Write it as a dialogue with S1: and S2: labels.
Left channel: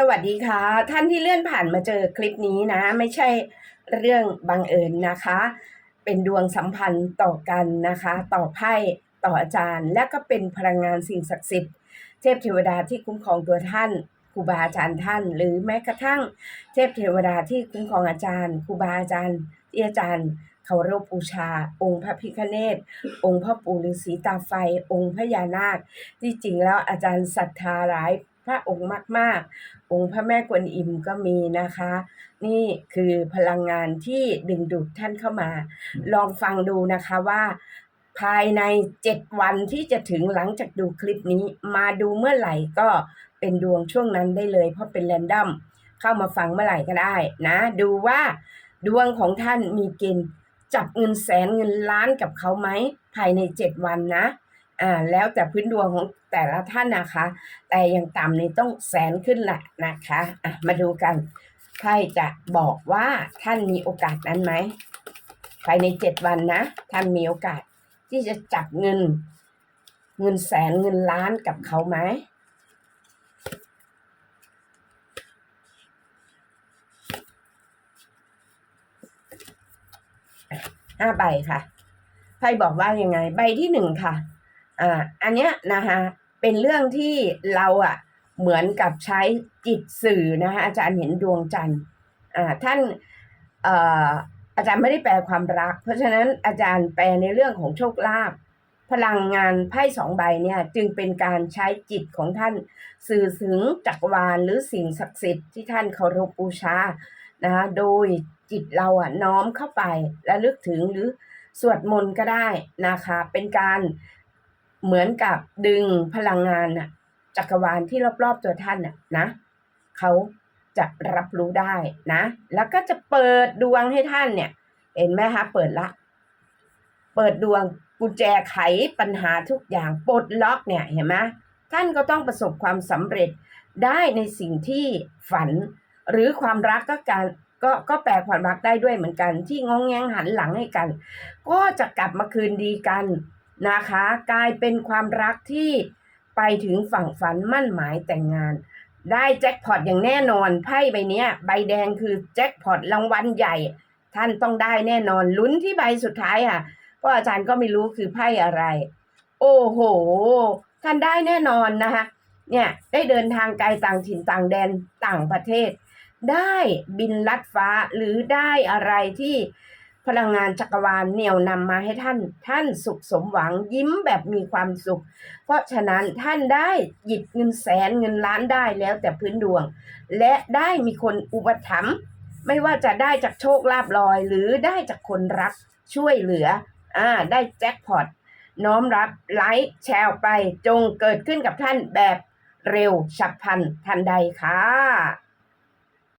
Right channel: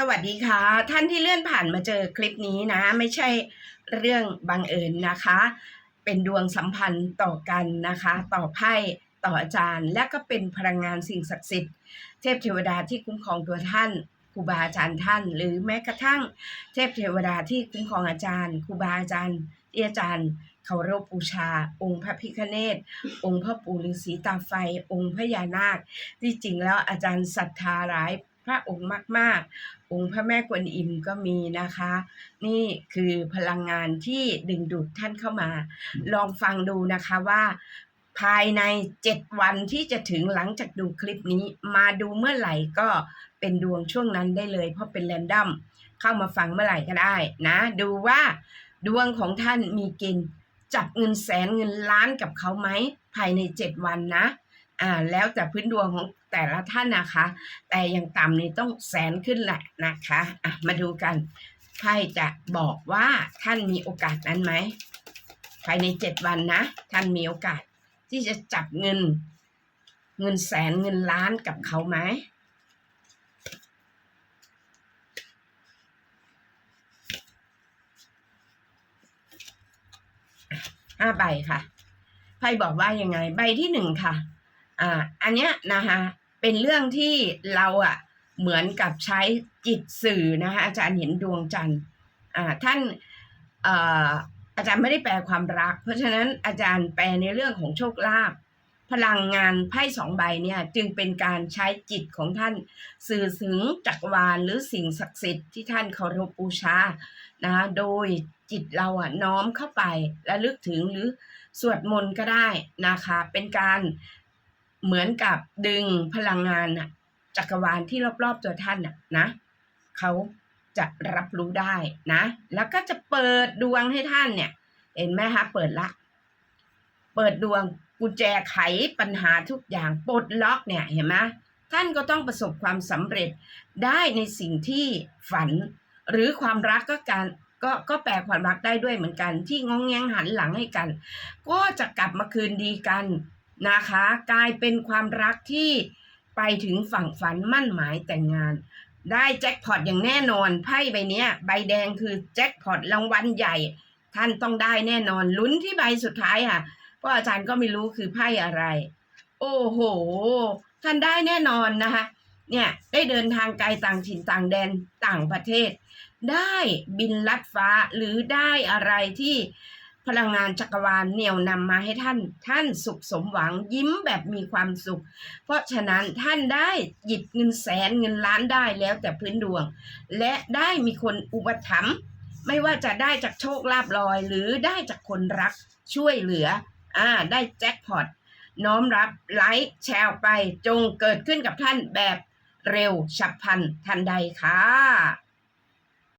S1: สวัสดีค่ะ ท่านที่เลื่อนผ่านมาเจอคลิปนี้นะ ไม่ใช่เรื่องบังเอิญนะคะ เป็นดวงสัมพันธ์ต่อกันนะคะ ต่อไพ่ต่ออาจารย์ และก็เป็นพลังงานสิ่งศักดิ์สิทธิ์ เทพเทวดาที่คุ้มครองตัวท่านครูบาอาจารย์ท่าน หรือแม้กระทั่ง เทพเทวดาที่คุ้มครองอาจารย์ครูบาอาจารย์ที่อาจารย์เคารพบูชา องค์พระพิฆเนศองค์พ่อปู่ฤาษีตาไฟ องค์พญานาค ที่จริงแล้วอาจารย์ศรัทธาหลาย พระองค์มาก ๆ องค์พระแม่กวนอิมก็มีนะคะ นี่คือพลังงานที่ดึงดูดท่านเข้ามา ลองฟังดูนะคะว่า ภายใน7วันที่จะถึงหลังจากดูคลิปนี้ มาดูเมื่อไหร่ก็เป็นดวงช่วงนั้นได้เลย เพราะเป็นแรนดอมเข้ามาฟังเมื่อไหร่ก็ได้นะ ดูว่าดวงของท่านมีเกณฑ์จับเงินแสนเงินล้านกับเขาไหมภายใน7วันนะ อ่าแล้วแต่พื้นดวงของแต่ละท่านนะคะ แต่อย่างต่ำนี่ต้องแสนขึ้นแหละนะคะอะมาดูกันไพ่จะบอกว่าท่านมีโอกาสนั้นไหมภายในเจ็ดวันนะ ท่านมีโอกาสที่จะจับเงิน เงินแสนเงินล้านกับเขาไหมห้าใบค่ะไพ่บอกว่ายังไง ใบที่หนึ่งค่ะ อ่าอันเนี้ยนะคะเป็นเรื่องที่เราอะเหมือนกับใช้จิตสื่อนะคะอาจารย์เห็นดวงจันทร์อ่าท่านเอ่ออาจารย์ไม่ได้แปลความรัก เพราะฉะนั้นอาจารย์แปลในเรื่องของโชคลาภพลังงานไพ่สองใบเนี่ยจึงเป็นการใช้จิตของท่าน สื่อถึงจักรวาลหรือสิ่งศักดิ์สิทธิ์ที่ท่านเคารพบูชานะคะโดยจิตเราอะน้อมเข้าไปและลึกถึงหรือสวดมนต์ก็ได้นะคะ เป็นการ เหมือนกับดึงพลังงานน่ะจักรวาลที่รอบๆตัวท่านน่ะนะเขาจะรับรู้ได้นะ แล้วก็จะเปิดดวงให้ท่านเนี่ย เห็นไหมคะเปิดละ เปิดดวงกุญแจไขปัญหาทุกอย่างปลดล็อกเนี่ยเห็นไหมท่านก็ต้องประสบความสำเร็จได้ในสิ่งที่ฝัน หรือความรักก็การก็ก็แปลความรักได้ด้วยเหมือนกัน ที่งองแงงหันหลังให้กัน ก็จะกลับมาคืนดีกัน นะคะ กลายเป็นความรักที่ไปถึงฝั่งฝันมั่นหมายแต่งงาน ได้แจ็คพอตอย่างแน่นอนไพ่ใบเนี้ยใบแดงคือแจ็คพอตรางวัลใหญ่ ท่านต้องได้แน่นอนลุ้นที่ใบสุดท้ายอะเพราะอาจารย์ก็ไม่รู้คือไพ่อะไร โอ้โห ท่านได้แน่นอนนะคะเนี่ยได้เดินทางไกลต่างถิ่นต่างแดนต่างประเทศ ได้บินลัดฟ้าหรือได้อะไรที่ พลังงานจักรวาลเหนี่ยวนำมาให้ท่าน ท่านสุขสมหวังยิ้มแบบมีความสุข เพราะฉะนั้นท่านได้หยิบเงินแสนเงินล้านได้แล้วแต่พื้นดวง และได้มีคนอุปถัมภ์ไม่ว่าจะได้จากโชคลาภลอย หรือได้จากคนรักช่วยเหลืออ่าได้แจ็คพอตน้อมรับไลค์แชร์ไปจงเกิดขึ้นกับท่านแบบเร็วฉับพลันทันใดค่ะ